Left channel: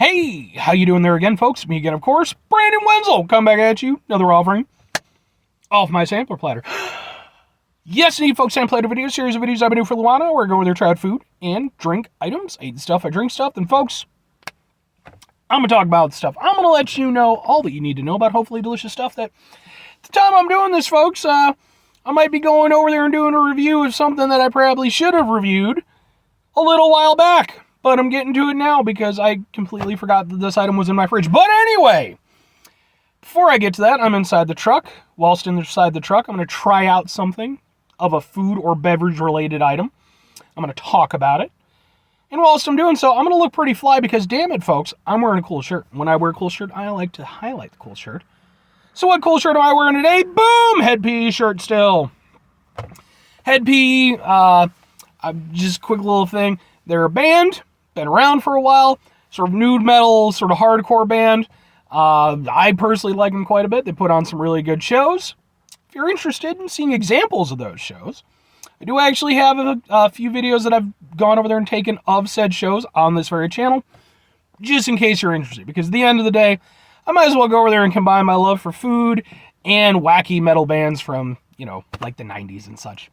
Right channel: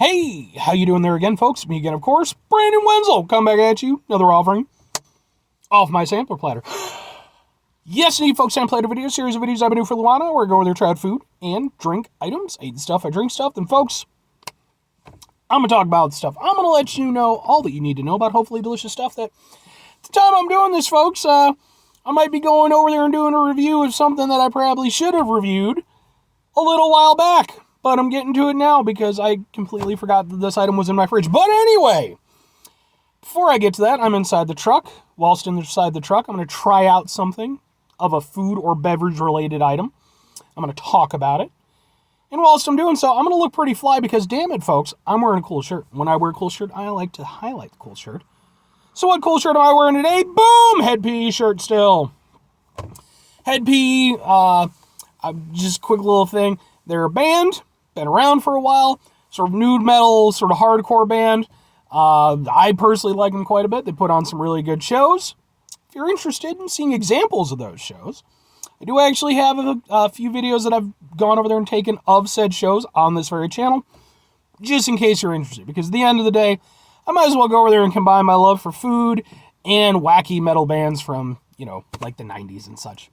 Hey, how you doing there again, folks? Me again, of course, Brandon Wenzel. Come back at you. Another offering off my sampler platter. Yes, indeed, folks, sampler platter video series of videos I've been doing for a while now, where I go over there, try out food and drink items. I eat stuff, I drink stuff. Then, folks, I'm going to talk about stuff. I'm going to let you know all that you need to know about hopefully delicious stuff that at the time I'm doing this, folks, I might be going over there and doing a review of something that I probably should have reviewed a little while back. But I'm getting to it now because I completely forgot that this item was in my fridge. But anyway, before I get to that, I'm inside the truck. Whilst inside the truck, I'm going to try out something of a food or beverage related item. I'm going to talk about it. And whilst I'm doing so, I'm going to look pretty fly because, damn it, folks, I'm wearing a cool shirt. When I wear a cool shirt, I like to highlight the cool shirt. So what cool shirt am I wearing today? Boom! Head PE shirt still. Head PE, just a quick little thing. They're a band. Been around for a while, sort of nude metal, sort of hardcore band. I personally like them quite a bit. They put on some really good shows. If you're interested in seeing examples of those shows, I do actually have a few videos that I've gone over there and taken of said shows on this very channel, just in case you're interested. Because at the end of the day, I might as well go over there and combine my love for food and wacky metal bands from, like the 90s and such.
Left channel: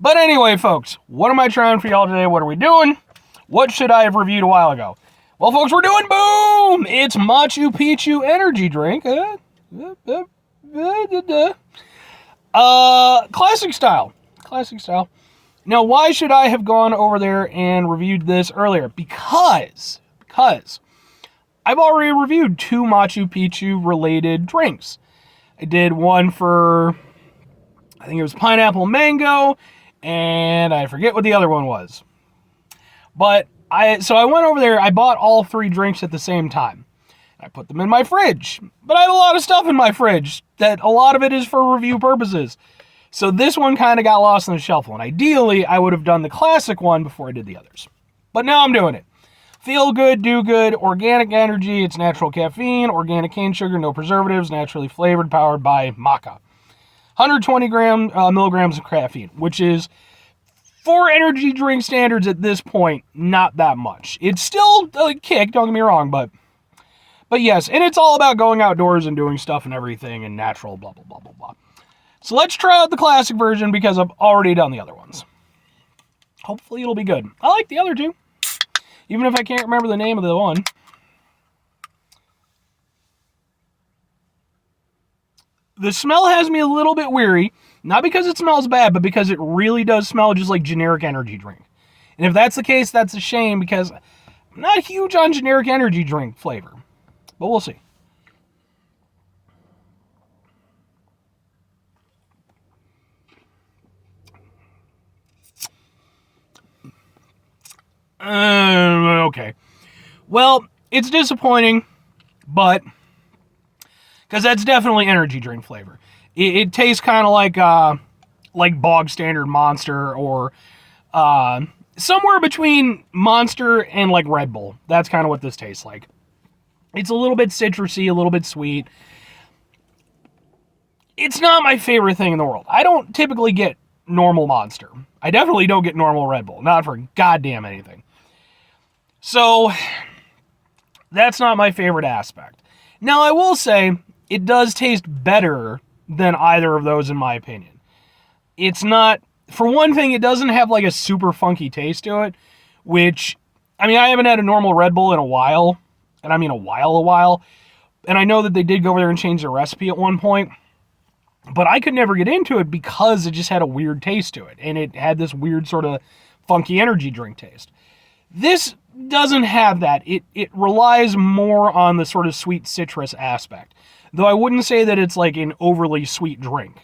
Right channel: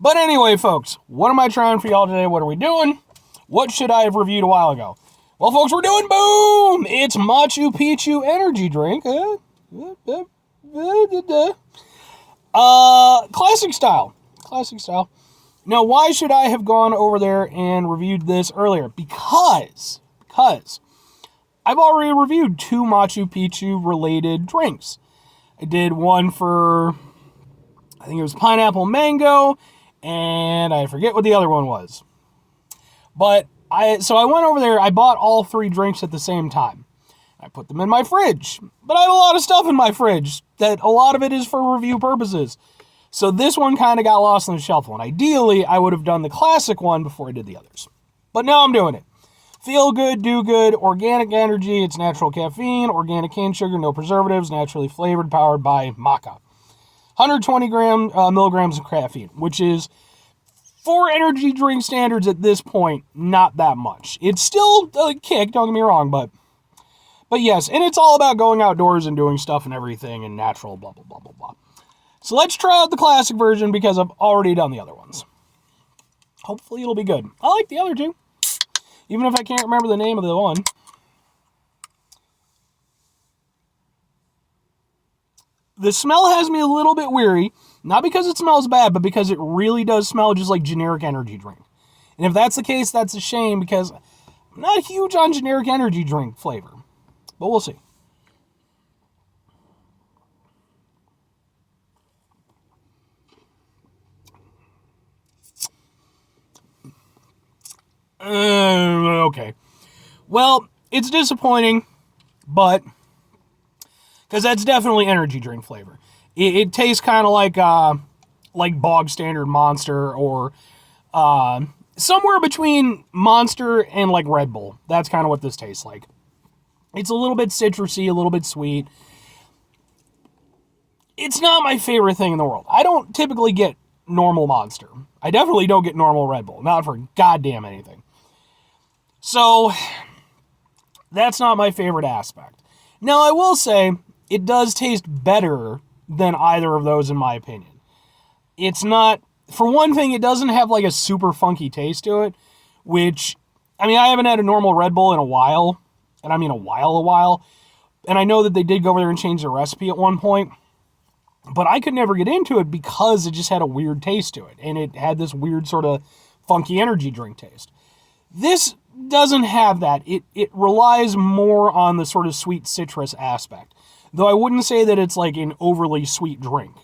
But anyway, folks, what am I trying for y'all today? What are we doing? What should I have reviewed a while ago? Well, folks, we're doing boom! It's Machu Picchu energy drink. Classic style. Classic style. Now, why should I have gone over there and reviewed this earlier? Because I've already reviewed 2 Machu Picchu related drinks. I did one for, I think it was pineapple mango, and I forget what the other one was. But I went over there, I bought all 3 drinks at the same time. I put them in my fridge. But I have a lot of stuff in my fridge that a lot of it is for review purposes. So this one kind of got lost on the shelf. And ideally, I would have done the classic one before I did the others. But now I'm doing it. Feel good, do good, organic energy, it's natural caffeine, organic cane sugar, no preservatives, naturally flavored, powered by maca. 120 milligrams of caffeine, which is, for energy drink standards at this point, not that much. It's still a kick, don't get me wrong, but yes, and it's all about going outdoors and doing stuff and everything and natural, blah, blah, blah, blah, blah. So let's try out the classic version because I've already done the other ones. Hopefully it'll be good. I like the other 2, even if I can't remember the name of the one. The smell has me a little bit weary. Not because it smells bad, but because it really does smell just like generic energy drink. And if that's the case, that's a shame because I'm not huge on generic energy drink flavor. But we'll see. Okay. Well, it's disappointing, but because that's definitely energy drink flavor. It tastes kind of like bog standard Monster or somewhere between Monster and like Red Bull. That's kind of what this tastes like. It's a little bit citrusy, a little bit sweet. It's not my favorite thing in the world. I don't typically get normal Monster. I definitely don't get normal Red Bull. Not for goddamn anything. So, that's not my favorite aspect. Now, I will say, it does taste better than either of those in my opinion. It's not, for one thing, it doesn't have like a super funky taste to it, which, I haven't had a normal Red Bull in a while, and I mean a while, and I know that they did go over there and change the recipe at one point, but I could never get into it because it just had a weird taste to it, and it had this weird sort of funky energy drink taste. This doesn't have that. It relies more on the sort of sweet citrus aspect. Though I wouldn't say that it's like an overly sweet drink.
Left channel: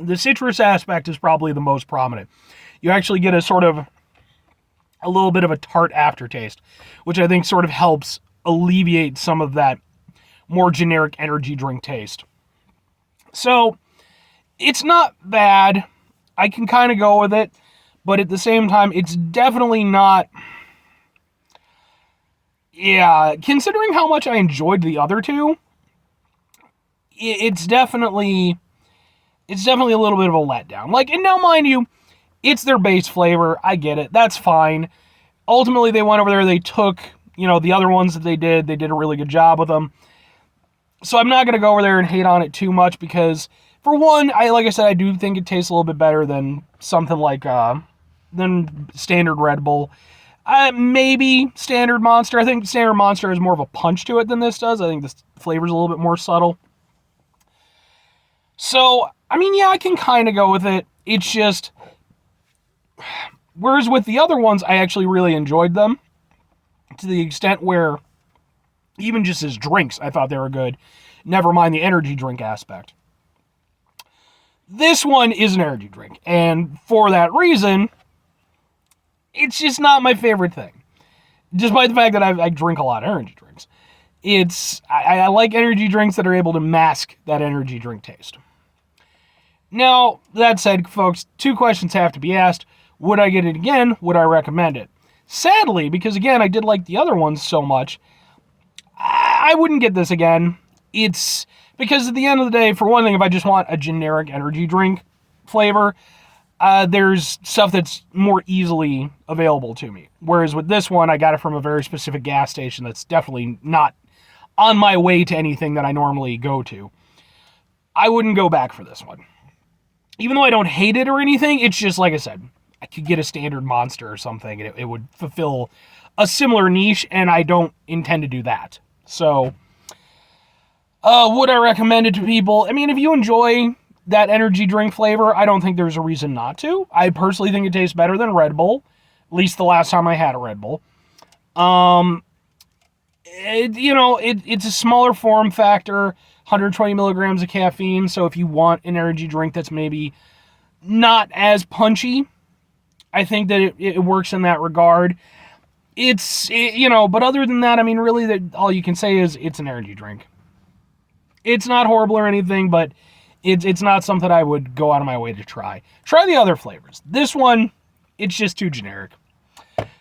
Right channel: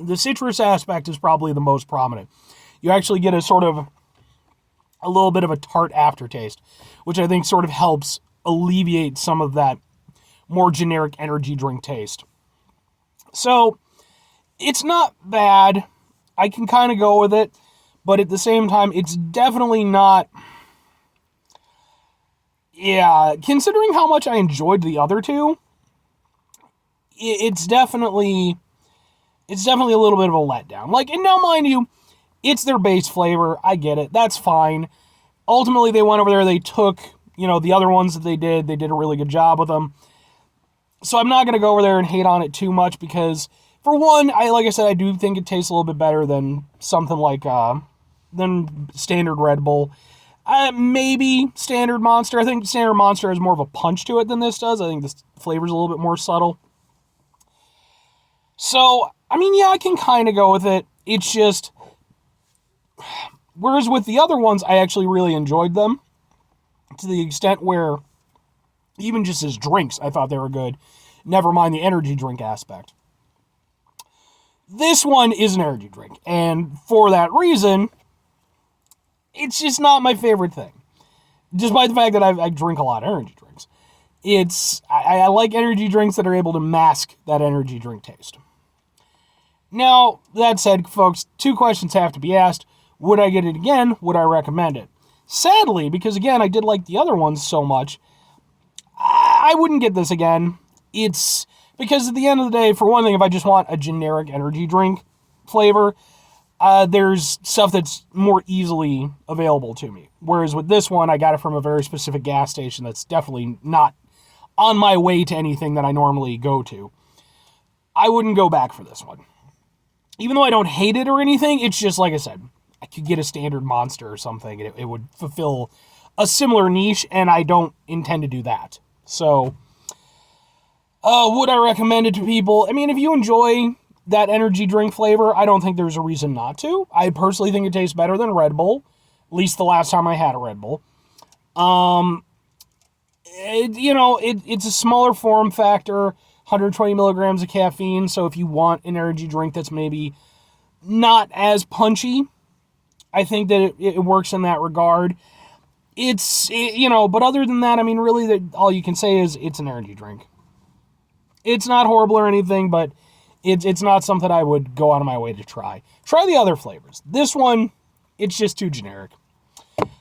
The citrus aspect is probably the most prominent. You actually get a little bit of a tart aftertaste, which I think sort of helps alleviate some of that more generic energy drink taste. So, it's not bad. I can kind of go with it. But at the same time, it's definitely not... Yeah, considering how much I enjoyed the other 2, it's definitely a little bit of a letdown. Like, and now mind you, It's their base flavor. I get it. That's fine. Ultimately, they went over there. They took, the other ones that they did a really good job with them. So I'm not going to go over there and hate on it too much because, for one, like I said, I do think it tastes a little bit better than something like, than standard Red Bull. Maybe standard Monster. I think standard Monster has more of a punch to it than this does. I think this flavor's a little bit more subtle. So, I mean, yeah, I can kind of go with it. It's just, whereas with the other ones, I actually really enjoyed them to the extent where even just as drinks, I thought they were good. Never mind the energy drink aspect. This one is an energy drink, and for that reason, it's just not my favorite thing. Despite the fact that I drink a lot of energy drinks. I like energy drinks that are able to mask that energy drink taste. Now, that said, folks, 2 questions have to be asked. Would I get it again? Would I recommend it? Sadly, because again, I did like the other ones so much, I wouldn't get this again. It's because at the end of the day, for one thing, if I just want a generic energy drink flavor, there's stuff that's more easily available to me. Whereas with this one, I got it from a very specific gas station that's definitely not on my way to anything that I normally go to. I wouldn't go back for this one. Even though I don't hate it or anything, it's just, like I said, I could get a standard Monster or something, and it would fulfill a similar niche, and I don't intend to do that. So, would I recommend it to people? I mean, if you enjoy that energy drink flavor, I don't think there's a reason not to. I personally think it tastes better than Red Bull, at least the last time I had a Red Bull. It's a smaller form factor, 120 milligrams of caffeine, so if you want an energy drink that's maybe not as punchy, I think that it works in that regard. But other than that, I mean, really, all you can say is it's an energy drink. It's not horrible or anything, but it's not something I would go out of my way to try. Try the other flavors. This one, it's just too generic.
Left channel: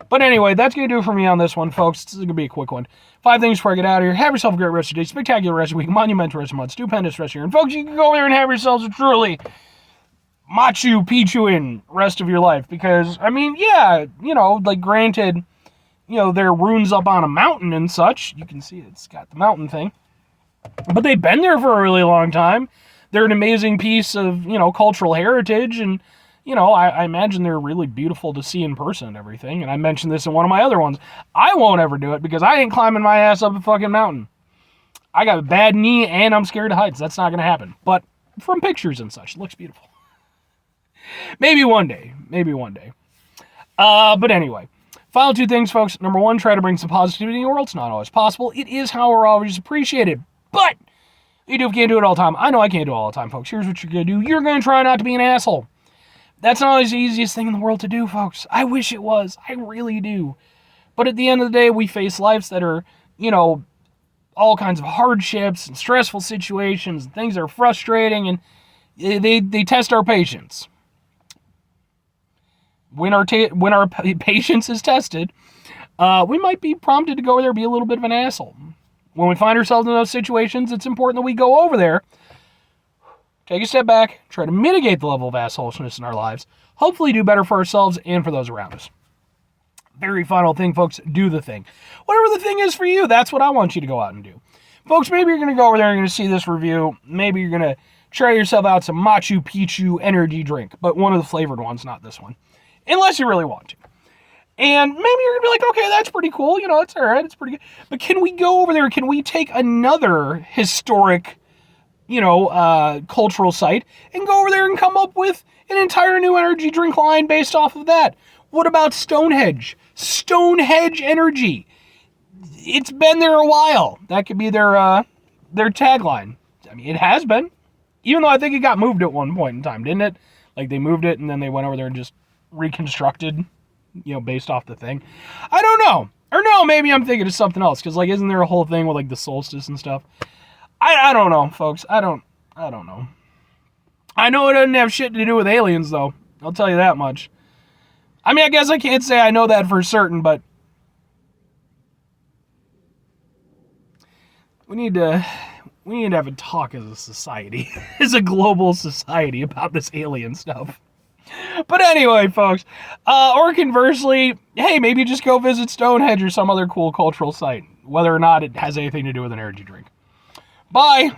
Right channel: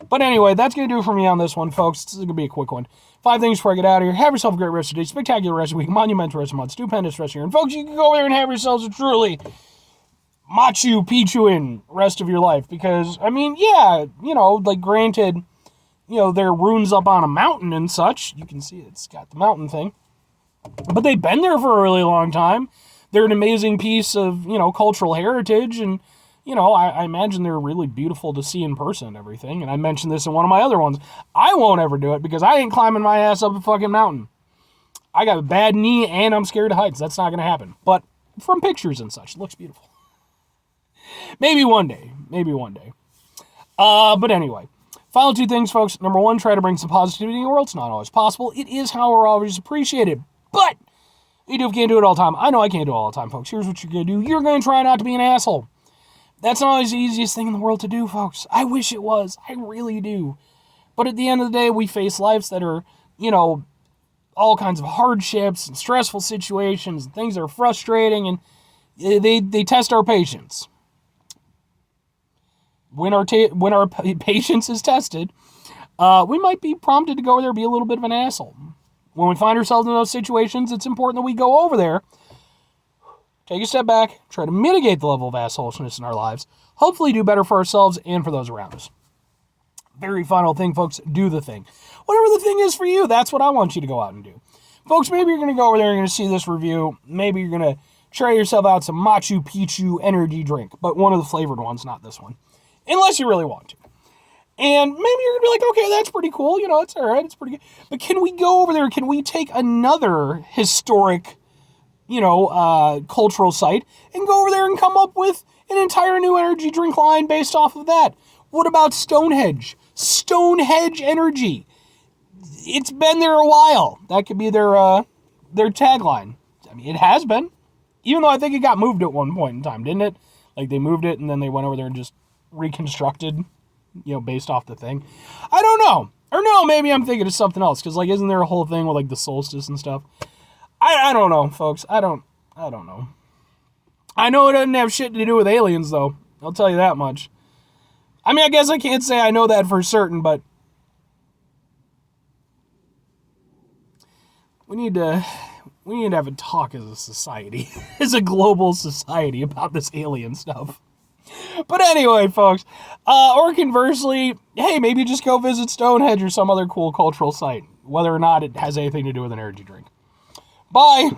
But anyway, that's going to do it for me on this one, folks. This is going to be a quick one. 5 things before I get out of here. Have yourself a great rest of your day, spectacular rest of the week, monumental rest of the month, stupendous rest of your year. And folks, you can go over there and have yourselves a truly Machu Picchu in rest of your life. Because, I mean, yeah, granted, there are ruins up on a mountain and such. You can see it's got the mountain thing. But they've been there for a really long time. They're an amazing piece of, cultural heritage. And, I imagine they're really beautiful to see in person and everything. And I mentioned this in one of my other ones. I won't ever do it because I ain't climbing my ass up a fucking mountain. I got a bad knee and I'm scared of heights. That's not going to happen. But from pictures and such, it looks beautiful. Maybe one day. But anyway. Final 2 things, folks. Number 1, try to bring some positivity in the world. It's not always possible. It is, however, always appreciated. But you can't do it all the time. I know I can't do it all the time, folks. Here's what you're going to do. You're going to try not to be an asshole. That's not always the easiest thing in the world to do, folks. I wish it was. I really do. But at the end of the day, we face lives that are, all kinds of hardships and stressful situations and things that are frustrating, and they test our patience. When our patience is tested, we might be prompted to go over there and be a little bit of an asshole. When we find ourselves in those situations, it's important that we go over there, take a step back, try to mitigate the level of assholishness in our lives, hopefully do better for ourselves and for those around us. Very final thing, folks, do the thing. Whatever the thing is for you, that's what I want you to go out and do. Folks, maybe you're going to go over there and you're going to see this review. Maybe you're going to try yourself out some Machu Picchu energy drink, but one of the flavored ones, not this one. Unless you really want to. And maybe you're going to be like, okay, that's pretty cool. It's all right. It's pretty good. But can we go over there? Can we take another historic, cultural site and go over there and come up with an entire new energy drink line based off of that? What about Stonehenge? Stonehenge Energy. It's been there a while. That could be their tagline. I mean, it has been. Even though I think it got moved at one point in time, didn't it? Like, they moved it and then they went over there and just reconstructed, based off the thing. I don't know. Or no, maybe I'm thinking of something else. Because, isn't there a whole thing with, the solstice and stuff? I don't know, folks. I don't know. I know it doesn't have shit to do with aliens, though. I'll tell you that much. I mean, I guess I can't say I know that for certain, but we need to have a talk as a society, as a global society about this alien stuff. But anyway, folks, or conversely, hey, maybe just go visit Stonehenge or some other cool cultural site, whether or not it has anything to do with an energy drink. Bye.